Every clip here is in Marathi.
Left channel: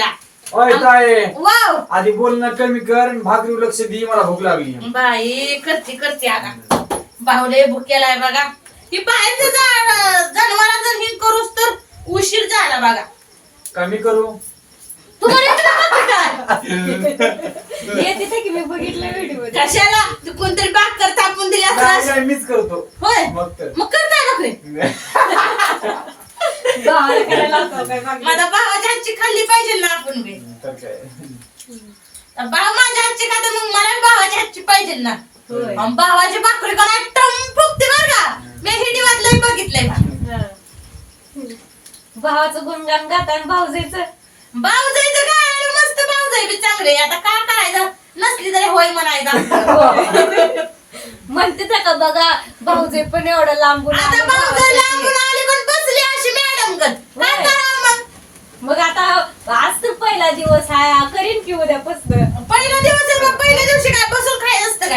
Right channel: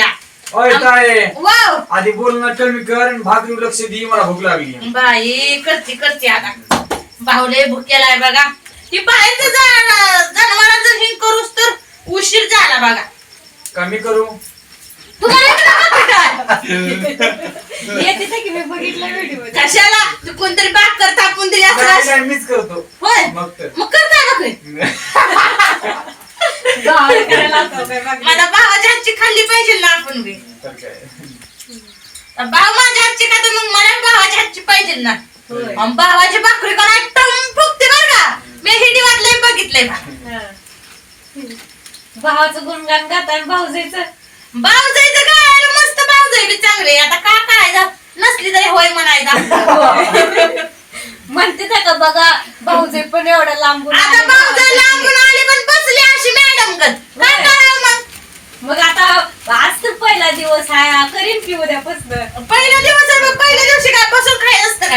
ओय ताये वाव. आधी बोलणं कमी कर आणि भाकरी लक्ष दे मला भूक लागली. बाई करते करते आता. बाहुले भुकेला आहे बघा. ही बाहेरचं जा जनावरांचं हे करूस तर उशीर झाला बघा. कमी करू? तुम्हाला इकडं बघा काय? येते ते की मी बघितलं व्हिडिओ कशाला? तू कोणतरी बाग कर थापून दिली नाही, असं. नाही, मीच करतो. होय. मग तर मग करताय बघ करायला लावतो काय मागे. माझ्या भावाच्या हातची खाल्ली पाहिजे ना आपण बी. तर काय? भाऊ माझ्या हातची खाते मग मला भावाच्या हातची पाहिजे ना. होय. आणि भावाची भाकरी कोणा टम फुगते बरं का? मी हिडी वाटलंय बघितलंय का हा. भावाचं गुणगान गात आणि भाऊजाईचं भाऊ जायचं काय मस्त भाऊ जाई बी चांगले. आता का करायचं नसली तरी होय म्हणायचं. म्हणते त्या का बघा भाऊजाई पण एवढा लांबून आता आले जाई भावाचे. लांबून आली पण बसली अशी मॅडम गत काय होय. करावं मग मग आता आज तर पहिला दिवस आहे करीन की उद्यापासून पहिला दिवस आहे मग पहिल्या दिवशी काय बसून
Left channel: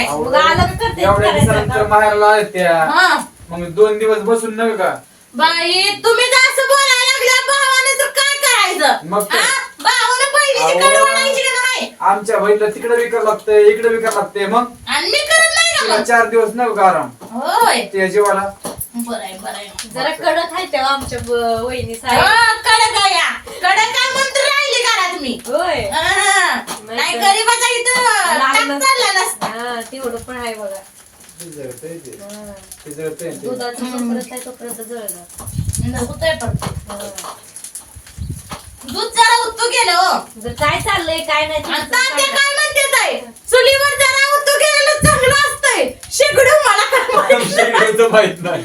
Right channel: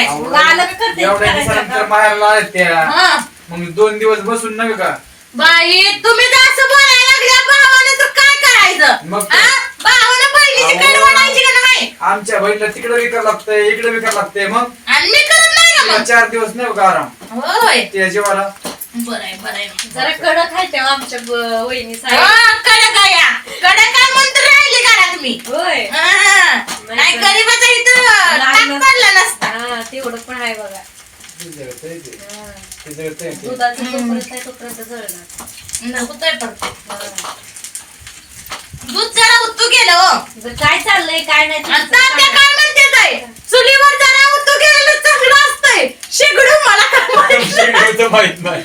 मग आलं का करते एवढ्या करायचं दिवसानंतर का? माहेरला आल्या त्या हा. मग दोन दिवस बसून नव्हे का? बाई तुम्ही असं बोलायला लागल्या भावाने तर काय करायचं? मग काय? हा? भावानं अहो. का नाही? आमच्या बहिणीला तिकडे विकायला लागतंय इकडे विकायला लागतंय मग? आणि मी करत नाही तिला मग? चार दिवस नव्हे का आराम? होय. त्या जेवाला. बरं आहे बरं आहे. जरा कडक आहे तेव्हा आमच्या ब- वहिनी साहेब. हा, कडक आहे या. कडक राहिली करा तुम्ही होय. हा. नाही गरीबाचा इथं. टाक पडला नसता. हा तेवढं पण आहे बघा. ते जळतंय ते. हा. ते जळतंय ते. दुधाचं जोपर्यंत आहे तोपर्यंत जळणार. होतोय पण हा. दूध जरा गेलं हो. जर काय चाललंय काय नाही तुमचं तात्या सांगा. काय म्हणते ताई? चुलीवर जरा उत्तू गेलेलं चांगलं असतंय. शेगडू मला काय माहीत शेगडीचं माहीत नाही.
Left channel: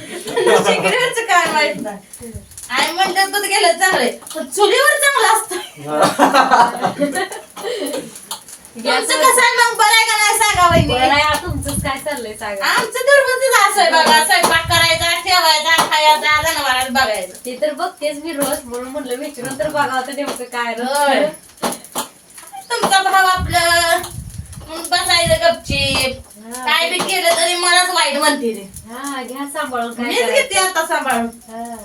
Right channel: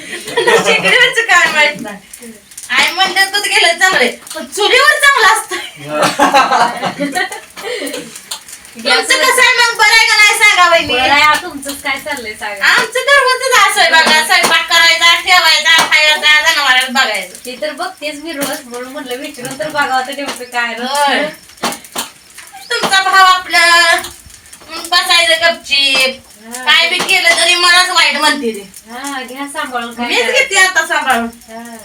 शेगडीवरचं काय माहीत नाही. आई म्हणतात दूध गेलं चांगले पण चुलीवर चांगलं असतं तुमचं कसं आहे मग? बरं आहे का नाही सांगा हा तुमचंच काय चाललंय सांगा. आमचं दररोजच असं आहे बघा स्वयंपाक करायचा ठेवायचा खायचा जनावरात बघायचं. ते तर बघतेच मी रोज. म्हणून म्हणलं विचारून तर बघावं तर नेमकं काय होय. रोज. तुमचा भाव आपलं. मग बसायचं गपचीप. काय बी केलं तरी मलाच वाईट म्हणते ते. हा घ्या सांभाळून काय मीच करायचं. घेते आता सांभाळून. हा.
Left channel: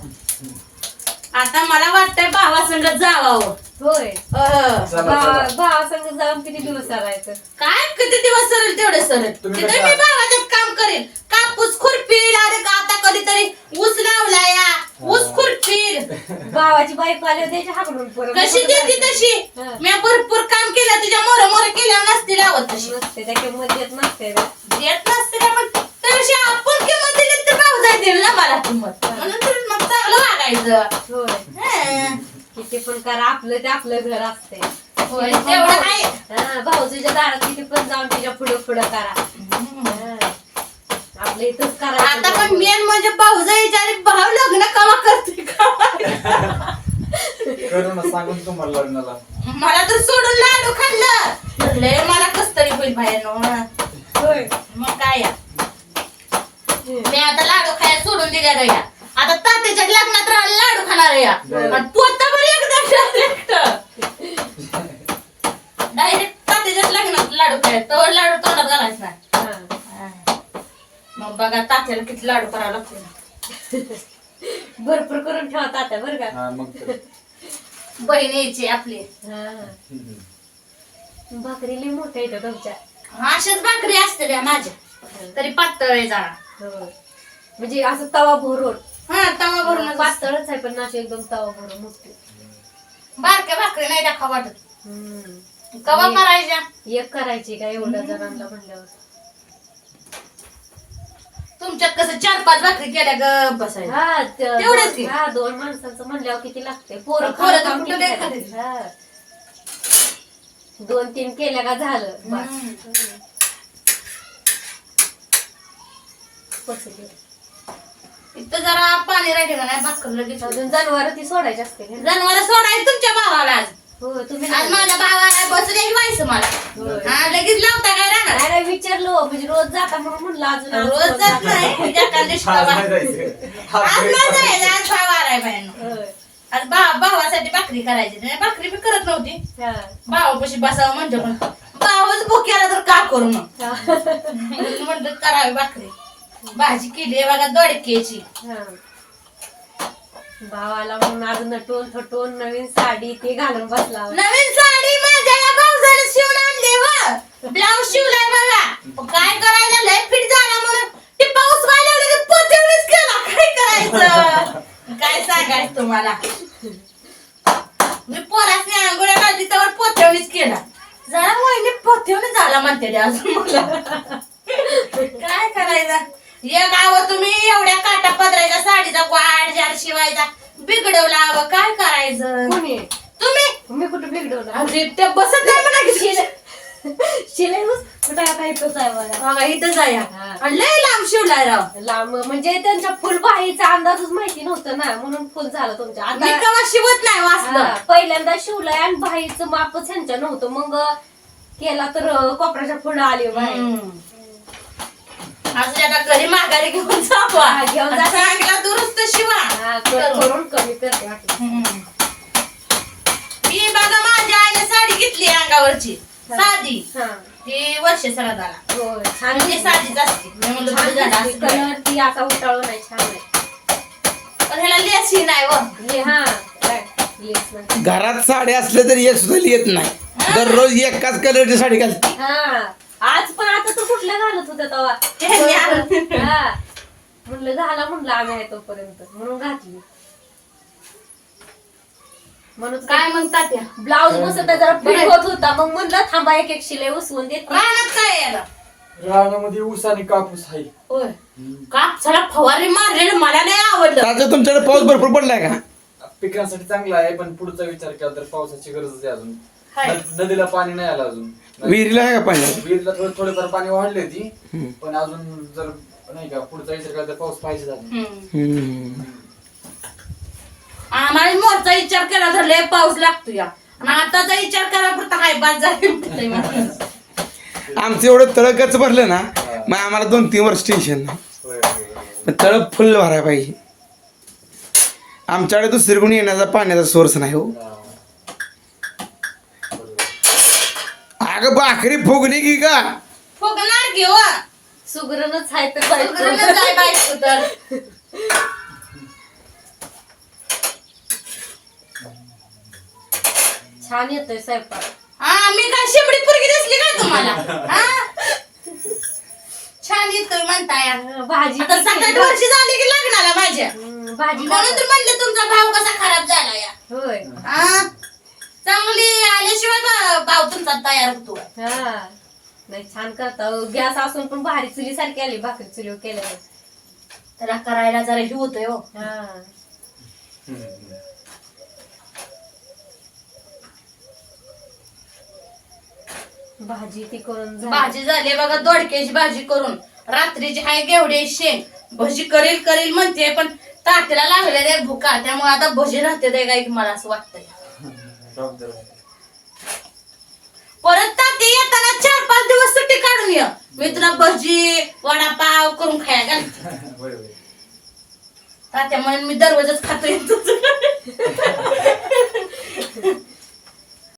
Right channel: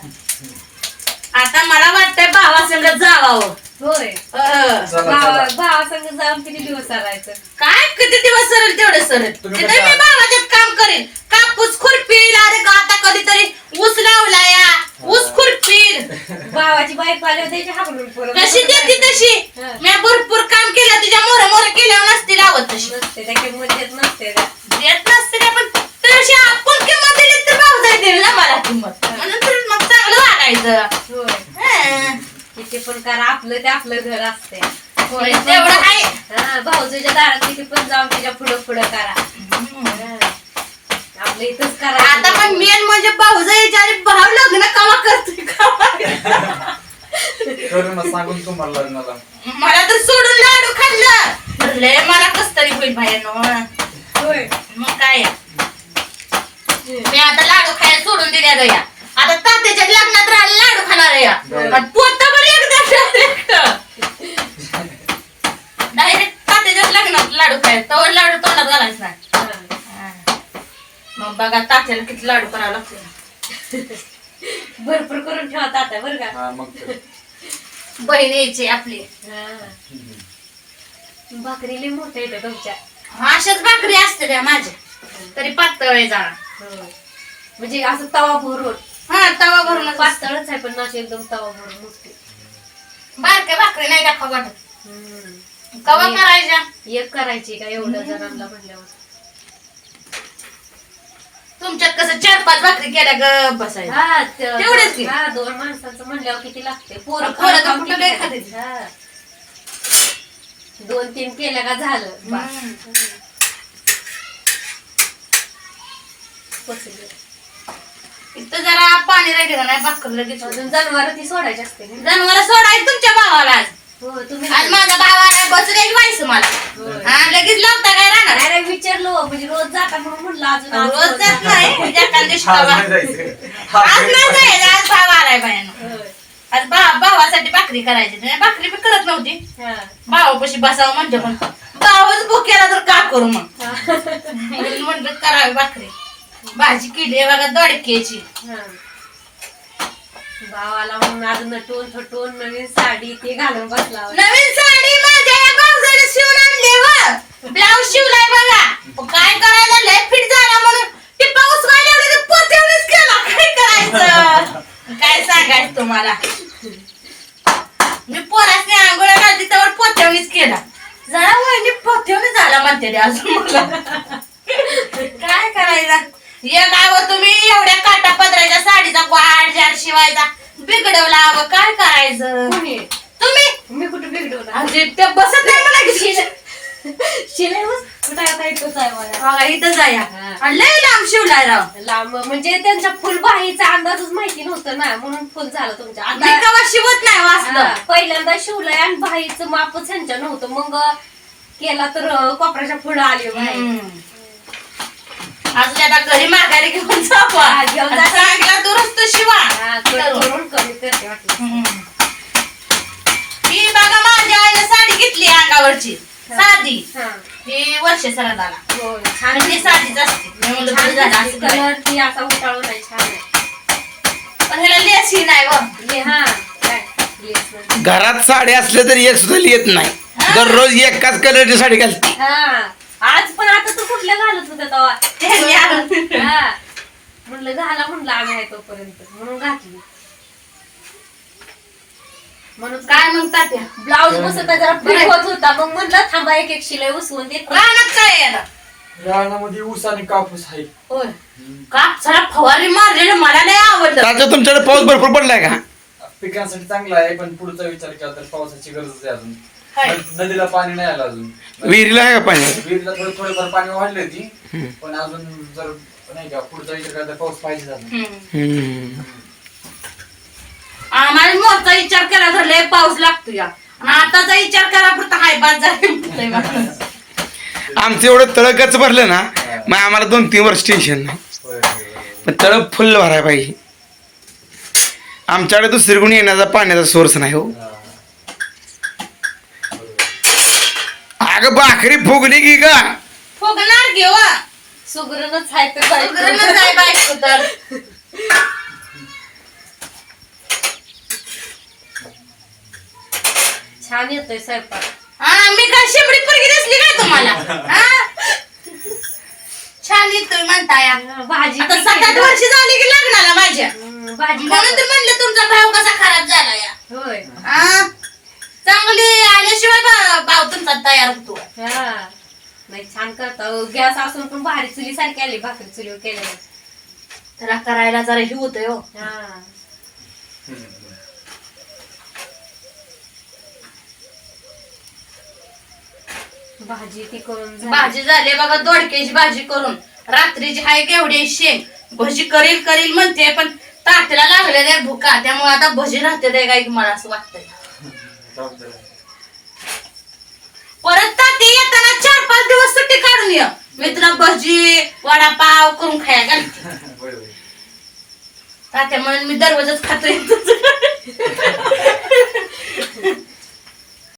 आता मला वाटतंय भावासंग जावावं. होय. भावा भावासंग जाऊन किती दिवस चालायचं. काय किती दिवस सरेल तेवढे सरेल तुम्ही तिथे कसं- मी भावाच्यात काम करेन. कापूस खुरपील अरे का आता कधीतरी ऊस लावला या. ऊस खुरपील. भावाची बाईक आली त्याची कशी देते तशी? हा. मी भरपूर काम केलं तुझ्या मोर मोर केल्यावर नसती लावत तशी. नसते त्या किंमत देत नसते. देत नसते का पण तशी आपण किंमत दिली तर भाऊ जाय देईल ना मला किंमत. म्हणून तर मग चांगलं वागायचं. होय. हं. किती पण करा आपलं ते आपलं घर असते होय, तेवढं आहे हा भाऊजीच्या दारात किती पण जाऊन त्याच्या पुढं पुढं करा. आपलं इथंच करा. आता पण मेन म्हणजे भाऊ जायच्या आणि भाऊ लग्न कवा करतोय कवा? करू ना सांगून तुम्हाला लग्नाला. मला तर सोडून लाडू खाल्लं. लय मला कस तरी होईल बाहेर होय. मग काय? मी आता लाडू खायला सोडून दिल्या गया आता तात्याच्या लग्नात राहिला लाडू खाणार आहे या. बरं. आणि डायरेक्ट तात्याच्याच लग्नात लाडू खायला तवर लाडू तोंडात घालायच नाही हा. मग बघा तात्याला किती लाडू करावं लागते भरपूर करून ठेवता आता बरं का हा मग तर. बहीण यायची आपली हा. भाकरी लई मोठ्या येतं तुमच्या अशाच भाकरी असते त्या माझ्या तरी पातळ आहे जाणार होय. म्हणजे असं तवा भरून हा तवा भरून पातळच आहे पण अशी एकदम तवा भरून मोठी बारक्या भाकरी नाही दाखवा वाटत हम्म. कवा एक- करायच्या एक करायची का एवढ्या जणांना म्हणल्यावर तुमच्यात कसं चार पाच भाकरी केल्या ग बसायचं हा त- तेवढेच की? हा दोन माणसांचं म्हणल्यावर किती लागते पोरं पोरं तर खाऊन कुठं किती काय खातात? खातील? हा. दोन तीन केल्या का झालं बस. हम्म. पचलं. इथं जरा पाणी राहिले का नाही भाकर लगेच अजून जनावर ती सोडायची असते? जनावर सोडायचं तुमच्या भावाला आज हो तुम्ही आज माझ्या भावाला बसले व्हायचं मला. हा लगेच लावता काय राहणार नाही, विचारलो म्हणजे रोज जाता म्हणून म्हणलं अजून आज रोज जात नाही एखाद्या दिवशी आज बाबा. नाही जायचं. आज हा, नाही जायचं आज भाव आलाय बायानं होय. आज भाव भावासाठी भाकरी करायची नाही, भाकरी बी करत नव्हती हा. भावापाशी बसावं म्हणजे पण भावच भुकेला तर का करू मग हा. म्हणून म्हटलं करावी भाकरी भाजी केली आहे बघा दोडक्याची. हा. भावाला म्हणून आज नटून थटून नवीन साडी ते घालून बसला. नवीन साडी माझ्या या भाऊजाने शिवून आणली व. ब्लाऊज शिवलाय बघा. मग काय करायला लय फिट झाला म्हणून. ते पाऊस व्हायला केला. काय करायचं? काय सांगायचं तुम्हाला? मी पोरासने आंघोळ्या घालती त्यावर केला. जरा वहिनी झाला म्हणते अजून मला. काय करायचं? ये गाव तुम्ही एवढ्या काटा पदराच्या साडीचा वाढ जार शिवायचा. बिघडवला अगं काय करायचं? कोणी? तुम्ही? मी कुठे बिघडवलं? अरे ते बसत नाही मला की शिलाई शिलाई बस. कुठे आता इथंच आहे बघा. बघा इथं जाया हा. आणि लय लांब शिवलाय राव. लांब म्हणजे त्यांच्या फुलबाईचा अंदाजच माहिती नव्हतं ना म्हणून फुल झालं तुमच्या. मी आता कवा शिवत नाही हा, वाचलं पहिल्यांदा शिवलंय आणि बाईचं मापच ह्यांच्या नव्हतं. मग केला तर अं, कोपऱ्याच्या पुढे आली बाई. असं आता घरी माघारी घेऊन जावा घेऊन जा. चांगला दुरुस्त शिवा. हा, कट करून. कमी करते वाटलं हम्म. ही बघा माझ्या आईने साडी घेतली अंगावरची. साधी. हा. ही वर्ष हो, छान. साधीच असते. मी म्हणलं छान बरं झालं दिसते. असं करायचं. कलर ती असा उताळू नाही छान आहे. पण ह्याला लेसी नाही व हे हा काय? नाही. घरात साडी असल्या तरी एक सुद्धा येत नाही. दररोज एकाच कलरची साडी घालते. हा. आज कुठल्या घालत होत्या ते मी आणून. तेव्हा हा. म्हणलं घाला म्हणलं आम्ही आहे तोपर्यंत. म्हणून घातली. म्हणून काय मग तात्या ब्लाऊज बसत जरा होत होता. मग म्हणलं थांबा एक एक शिलाई उसवून देते. रानात काय याला? रानामध्ये ऊस आणि कापूस आहे. होय. कापसाला फवारणी मारलेलं मला नाही आवडलं. तुमच्याकडे पाऊस भरपूर पडलाय का? पिकांसाठी चांगला आहे पण पुढचा विचार केला तर पावसाची गरज आहे अजून. नदीला पाणी नाही आलं अजून. विहिरीला आहे का पाणी? विहिरीला थोडं थोडंफार पाणी वाढली होती पण अजून जर नाही का पुढचा विचार केला तर पाऊस पाहिजे झाला. हम्म. हम्म. आम्हाला मोठा विचार केला तर लय पाऊस लागतो या. आणि आताचा विचार करा पुरता हाय बाद झाले आमचं एवढं तळकच भरलं ना मग आम्हाला दोन तीन वर्ष टेन्शन नाही. होय, होय, होय. पण तळ फुल भरायला पाहिजे. आमच्याकडे दुसरीकडून येण्याचा पाण्याचा सोर्स नाही हो. हा. अगं भाकरी फुगली की का फुगणार घेऊ सुगरणच आहे तर बायको तर छान येतोय स्वयंपाक. हा मी काय शेंबडी पुरगी दिसली काय तुम्हाला? हा? छान येतोय म्हणताय. हा, भाजी आता सात आठ वर्ष झाली की लग्नाला माझ्या. हम्म, भाजी म्हणून तर म्हणलं तुमचा भाव कसा खराब झाला या होय हा? चांगली आल्याशिवाय तुमचा तयार होतो. हा. नाही छान करता. गॅस असून पण भारी चुली सारखी आली भाकरी चुलीवर केल्या त्याला करायला जरा हे होतंय हो. हा. भाजी ती करून झाली. भाजी झाली बघा दोडक्याची भाजी करून. रात्रीची हाय घेवडी शेंग. भजी करील करील म्हणते पण ताट्याला लागल्या त्या भुका. त्यामुळे आता भजी राहते ते काय मला असं वाटतंय. नाही मी तुला भजी वडापाव करून खायला घालते तात्या म्हणून मी दररोजच खातोय.